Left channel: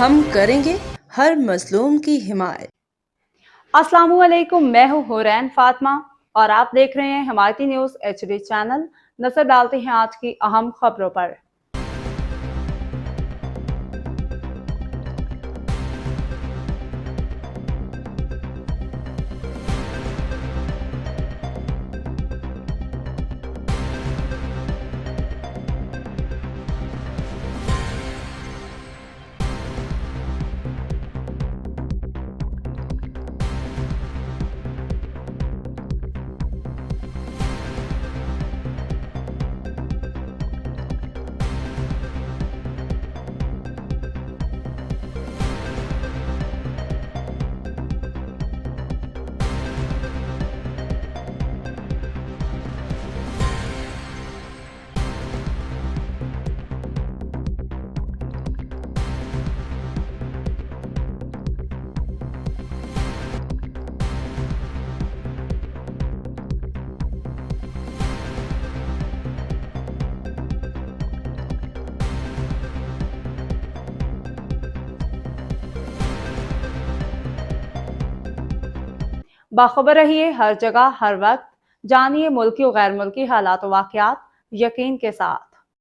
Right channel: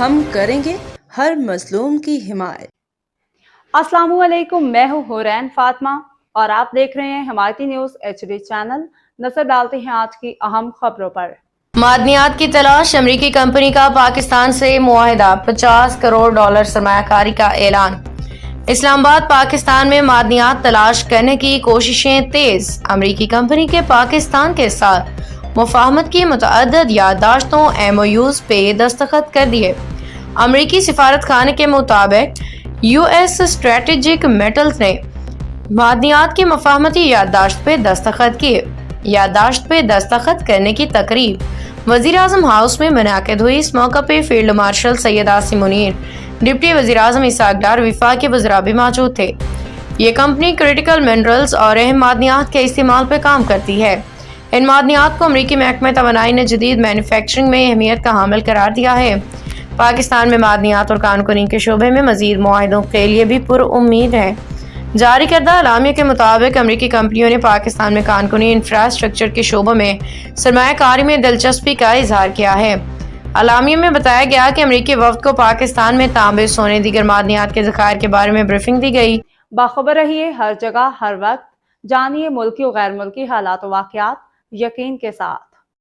ہم کریں گے ہر مظلوم کی حمایت۔ السلام علیکم، میں ہوں حورین فاطمہ اور آپ دیکھ رہے ہیں حمایتی نیوز HD چینل۔ نظر ڈالتے ہیں آج کی اہم خبروں پر۔ معدنیات کی تلاش، امریکی کمپنی کا پاکستان سے معاہدہ، $50 کروڑ سرمایہ کاری کا اعلان۔ اسلام آباد پاکستان میں معدنیات تلاش کرنے کی کوششیں تیز، امریکی کمپنی کے پاکستان کے ساتھ مفاہمت کی متعدد یادداشتوں MOUs پہ دستخط کر دیے۔ امریکی سفارت خانے کے مطابق US اسٹریٹجک میٹلز نے معدنیات کی مفاہمتی یادداشت پہ دستخط کیے۔ یادداشت پہ دستخط کرنے کی تقریب وزیر اعظم ہاؤس میں منعقد ہوئی۔ اس موقع پہ field marshal Syed Asim Munir, deputy وزیر اعظم اسحاق ڈار، وفاقی وزراء بھی موجود تھے۔ یہ کمپنی کریٹیکل منرلز اور اہم معدنیات کے استعمال پہ کام کرتی ہے۔ ان معدنیات کو امریکی محکمہ توانائی نے جدید مینوفیکچرنگ میں اہمیت کا حامل قرار دیا ہے۔ پاکستان میں معدنیات اور کان کنی کے شعبے میں مزید معاہدوں کے لیے بھی پر امید ہے۔ جاری کردہ اعلامیہ کے مطابق امریکی کمپنیوں نے پاکستان میں کان کنی انفراسٹرکچر کے شعبوں میں سرمایہ کاری میں دلچسپی کا اظہار کیا ہے۔ اعلامیہ میں بتایا گیا کہ امریکی وفد کو پاکستان میں تانبے، سونے، دیگر معدنیات کے ذخائر کے بارے میں بریفنگ دی گئی۔ باخبر رہیے ہر جگہ ہر وقت، جانیے ملکی و غیر ملکی حالات و واقعات یقین کے ساتھ۔